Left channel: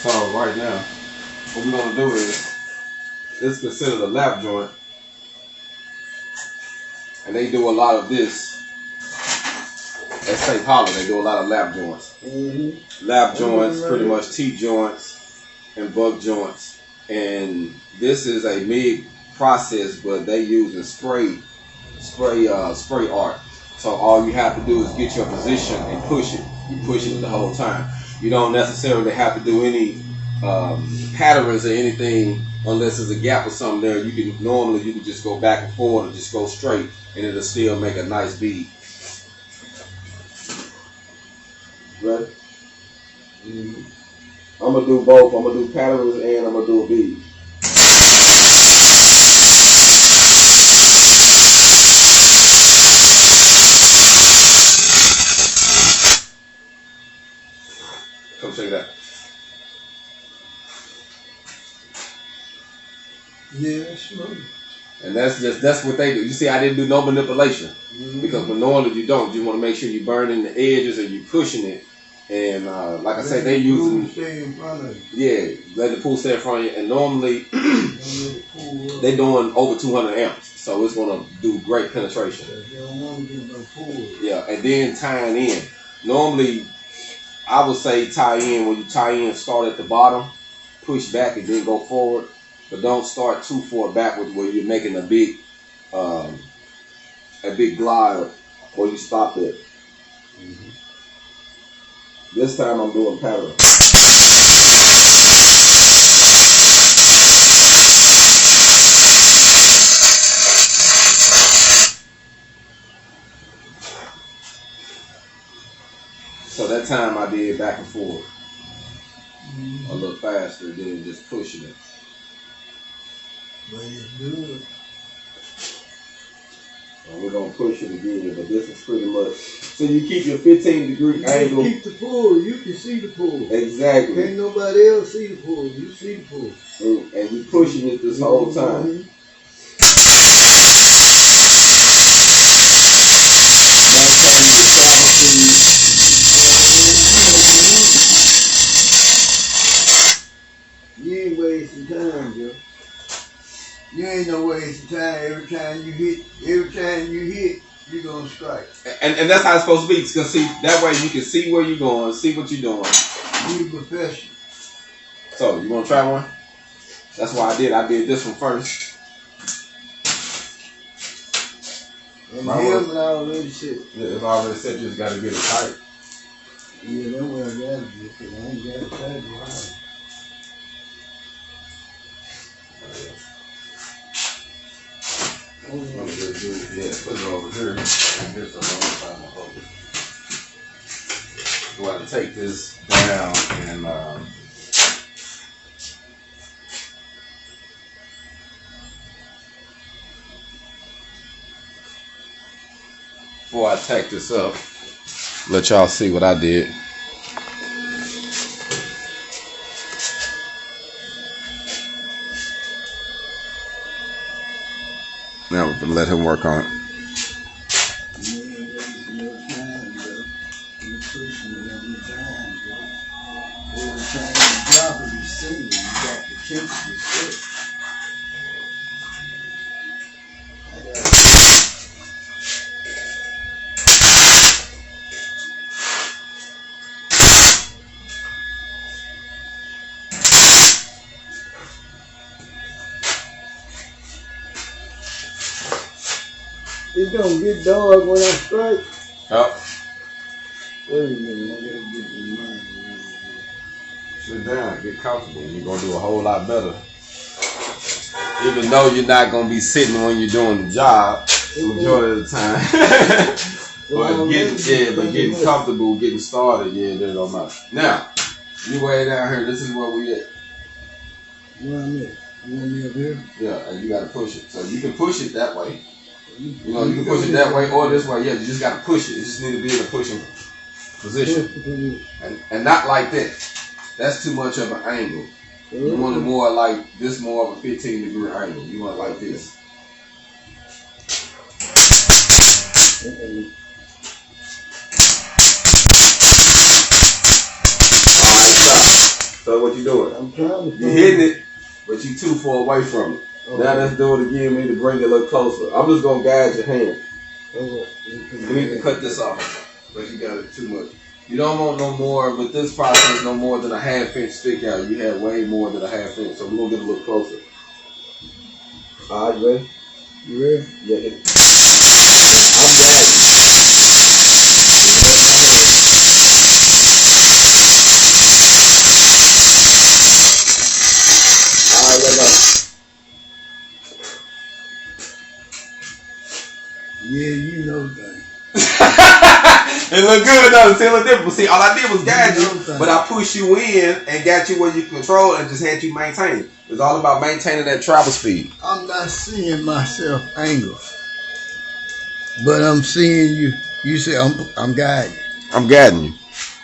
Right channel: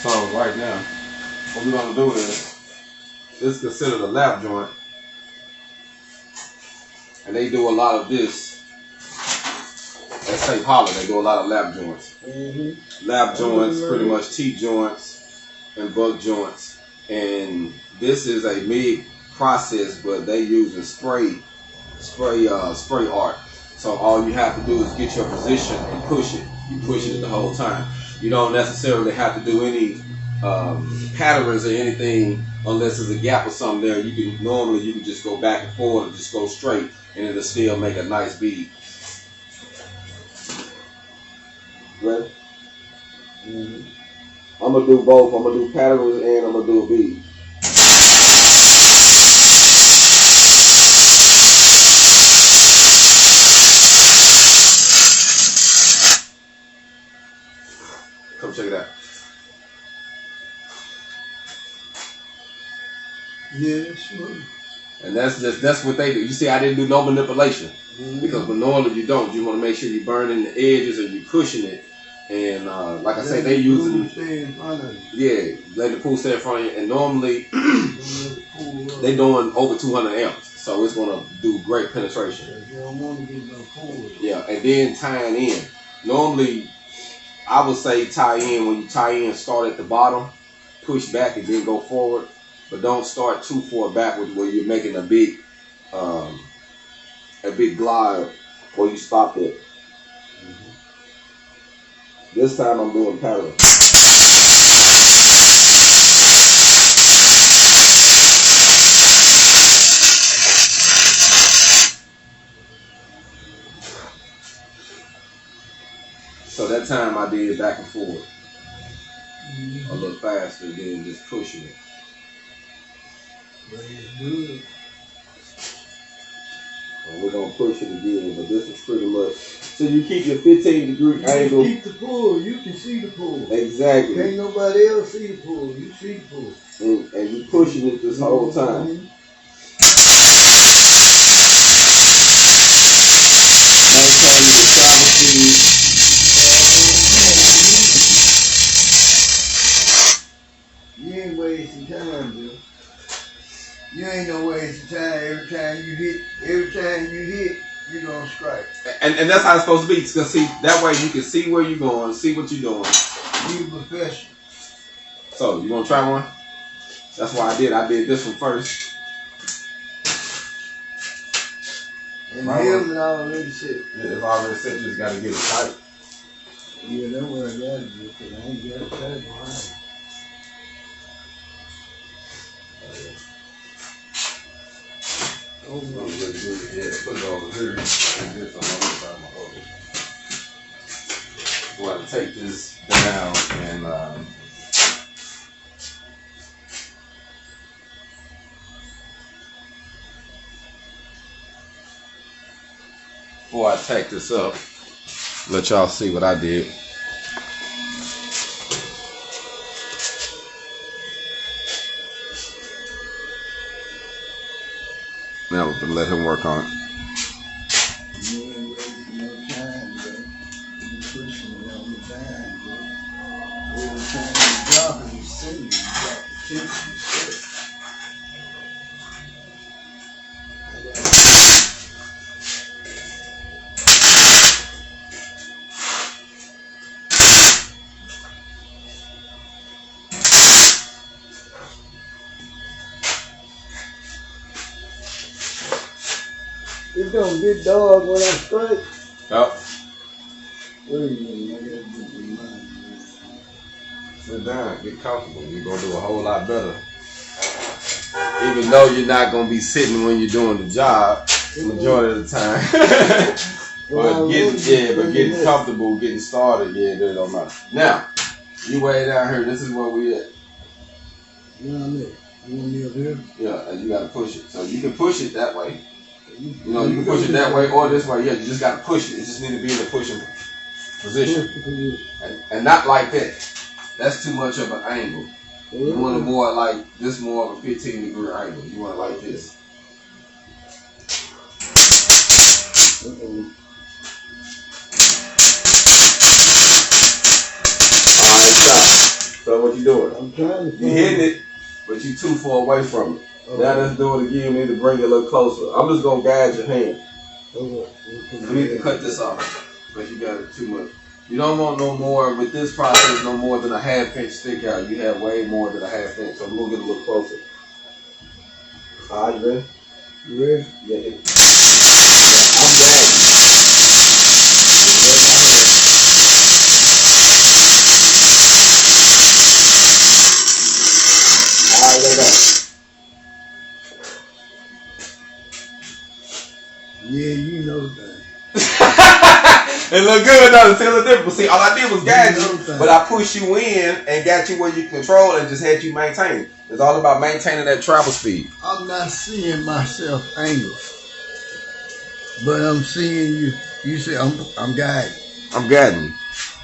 So right now, what we're gonna do is, this is considered a lap joint, and they do a lot of this at St. Holland. They do a lot of lap joints. Lap joints, pretty much T joints and buck joints, and this is a MIG process, but they using spray art. So all you have to do is get your position and push it. You push it the whole time. You don't necessarily have to do any patterns or anything unless there's a gap or something there. You can just go back and forward and just go straight, and it'll still make a nice bead. Ready? I'm gonna do both. I'm gonna do patterns and I'm gonna do a bead. Come check it out. Yeah, that's smooth. And that's what they do. You see, I didn't do no manipulation because when normally you don't. You want to make sure you're burning the edges or you pushing it. And like I say, they using let the pool stay in front of you. And normally they doing over 200 amps, so it's gonna do great penetration. You don't want to get no pool. Yeah, and then tying in. Normally, I would say tie in. When you tie in, start at the bottom, push back, and then go forward. But don't start too far backwards where you're making a big glide where you stop it. This time I'm doing parallel. So that time I did back and forth a little faster than just pushing it. But it's good. And we're gonna push it again, but this is pretty much. So you keep your 15-degree angle. Keep the pool. You can see the pool. Exactly. Can't nobody else see the pool. You see the pool. And you pushing it this whole time. Maintaining the travel speed. You ain't wasting time, Bill. You ain't no wasting time. Every time you hit, you're gonna strike. And that's how it's supposed to be. Because see, that way you can see where you're going, see what you're doing. Be professional. So you wanna try one? That's why I did this one first. And the helmet already set. Yeah, it's already set. You just gotta get it tight. Yeah, that's what I gotta do. Cause I ain't got it tight behind. I'm gonna just do it, put it over here, and this on the other side of my focus. So I take this down and before I take this up, let y'all see what I did. Now we're gonna let him work on it. You ain't wasting no time, bro. You pushing it all the time, bro. Every time you drop it, you see it. You got the temperature set. It's gonna get dark when I strike. Yep. Wait a minute, I gotta get the mind. Sit down, get comfortable. You're gonna do a whole lot better. Even though you're not gonna be sitting when you're doing the job the majority of the time. but getting comfortable, getting started, that don't matter. Now, you way down here, this is where we at. Where I'm at? You want me up here? Yeah, and you gotta push it. So you can push it that way. You can push it that way or this way. Yeah, you just got to push it. It just need to be in a pushing position. And not like that. That's too much of an angle. You want it more like this, more of a 15-degree angle. You want it like this. Alright, stop. So what you doing? I'm trying to. You hitting it, but you too far away from it. Okay. Now let's do it again. We need to bring it a little closer. I'm just gonna guide your hand. Okay. We need to cut this off, but you got it too much. You don't want no more with this process, no more than a 1/2 inch stick out. You have way more than a 1/2 inch. So we're gonna get a little closer. All right, you ready? You ready? Yeah, hit it. Yeah, I'm guiding. All right, let go. Yeah, you know that. It look good enough to tell the difference. See, all I did was guide you, but I pushed you in and got you where you control and just had you maintain. It's all about maintaining that travel speed. I'm not seeing myself angle, but I'm seeing you. You say I'm guiding. I'm guiding you.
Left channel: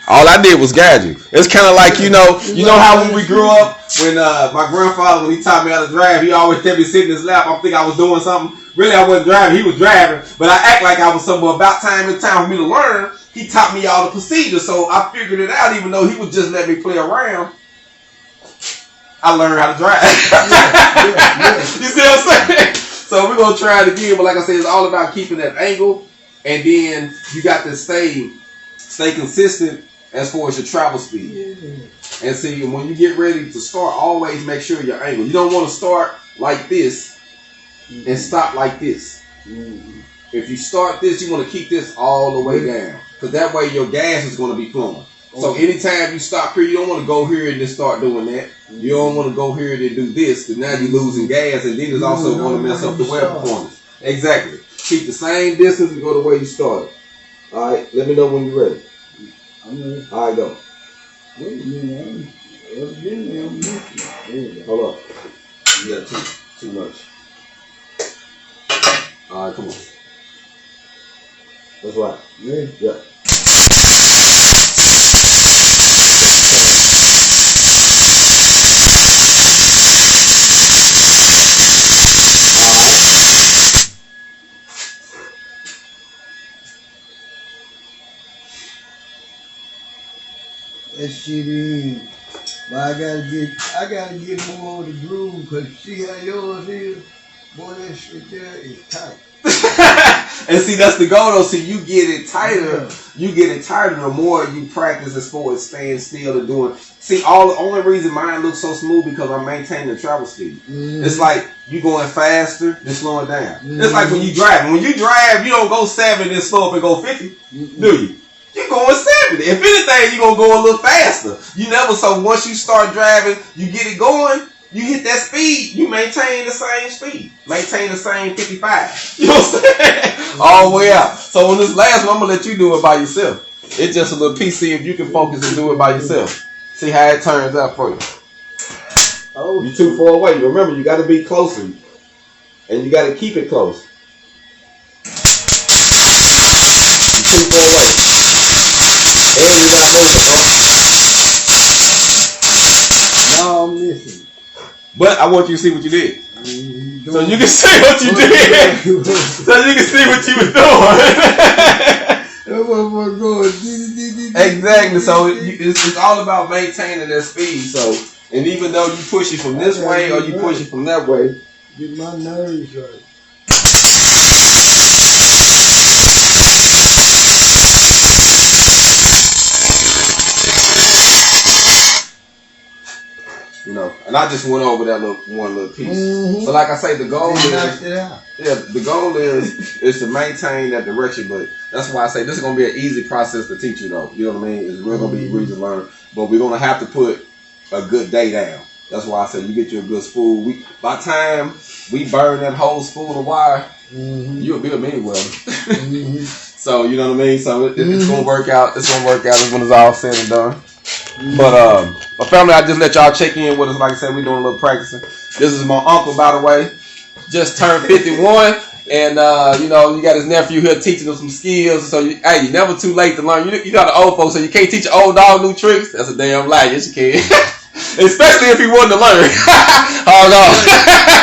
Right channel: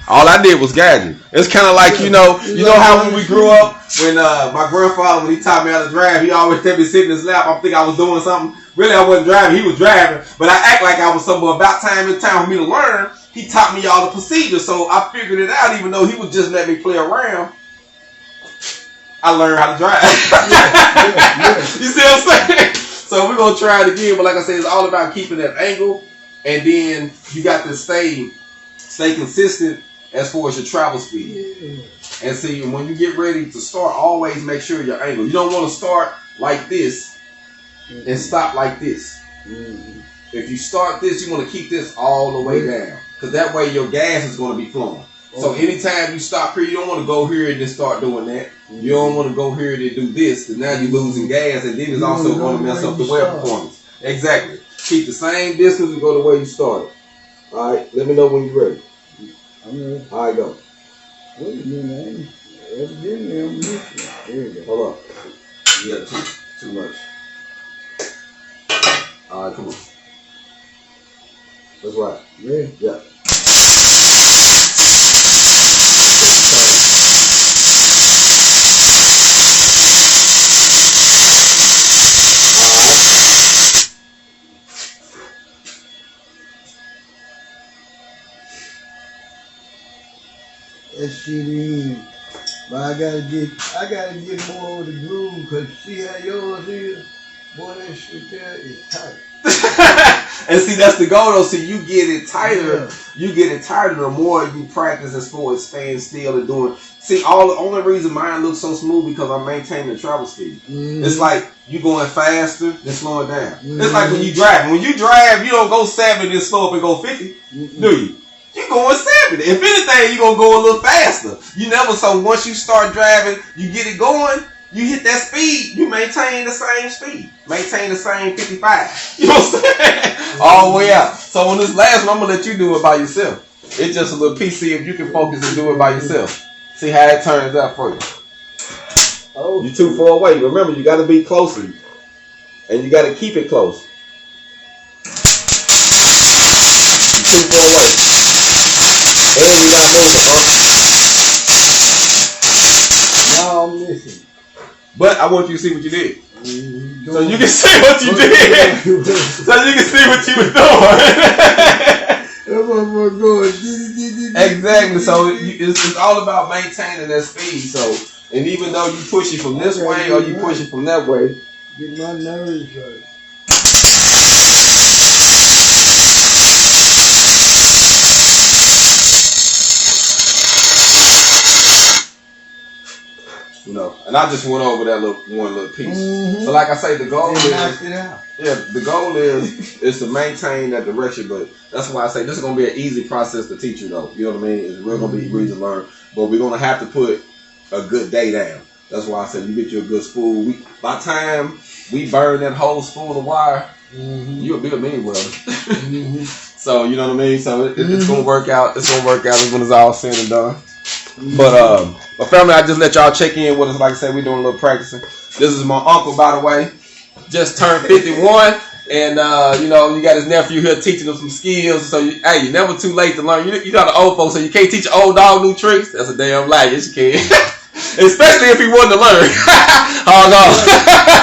All I did was guide you. It's kind of like, you know how when we grew up, when my grandfather, when he taught me how to drive, he always let me sit in his lap. I think I was doing something. Really, I wasn't driving. He was driving. But I act like I was somewhere about time and time for me to learn. He taught me all the procedures, so I figured it out, even though he would just let me play around. I learned how to drive. Yeah. You see what I'm saying? So we're going to try it again. But like I said, it's all about keeping that angle. And then you got to stay consistent as far as your travel speed. Yeah. And see, when you get ready to start, always make sure your angle. You don't want to start like this and stop like this. If you start this, you want to keep this all the way down. Because that way your gas is going to be flowing. So anytime you stop here, you don't want to go here and then start doing that. You don't want to go here and then do this, because now you're losing gas, and then it's also going to mess up the wear performance. Exactly. Keep the same distance and go the way you started. All right, let me know when you're ready. I'm ready. All right, go. Wait a minute, evidently I'm missing. There you go. Hold up. You got too much. All right, come on. That's right. Ready? Yeah. That shit in. But I gotta get more of the groove, because see how yours is? Boy, that shit there is tight. And see, that's the goal though. See, you get it tighter. Yeah. You get it tighter the more you practice as far as staying still and doing. See, the only reason mine looks so smooth because I'm maintaining the travel speed. It's like you going faster than slowing down. It's like when you drive. When you drive, you don't go 7 and slow up and go 50, do you? You're going 70. If anything, you're going to go a little faster. You never, so once you start driving, you get it going, you hit that speed, you maintain the same speed. Maintain the same 55. You know what I'm saying? All the way out. So on this last one, I'm going to let you do it by yourself. It's just a little piece, see if you can focus and do it by yourself. See how it turns out for you. Oh, you're too far away. Remember, you got to be closer. And you got to keep it close. You're too far away. And you're not moving, Now I'm missing. But I want you to see what you did. So you can see what you did. So you can see what you was doing. Exactly. So it's all about maintaining that speed. So, and even though you push it from this way or you push it from that way, get my nerves right. you know, and I just went over that one little piece. But like I say, the goal the goal is to maintain that direction. But that's why I say this is gonna be an easy process to teach you, though. You know what I mean? It's really gonna be easy to learn. But we're gonna have to put a good day down. That's why I say you get you a good spool. By the time we burn that whole spool of wire, you'll be a mean welder. So you know what I mean? So it's gonna work out. It's gonna work out when it's all said and done. But family, I just let y'all check in with us. Like I said, we're doing a little practicing. This is my uncle, by the way. Just turned 51. And, you know, you got his nephew here teaching him some skills. So, you're never too late to learn. You know the old folks say you can't teach an old dog new tricks. That's a damn lie. Yes, you can. Especially if he wanted to learn. Hold on.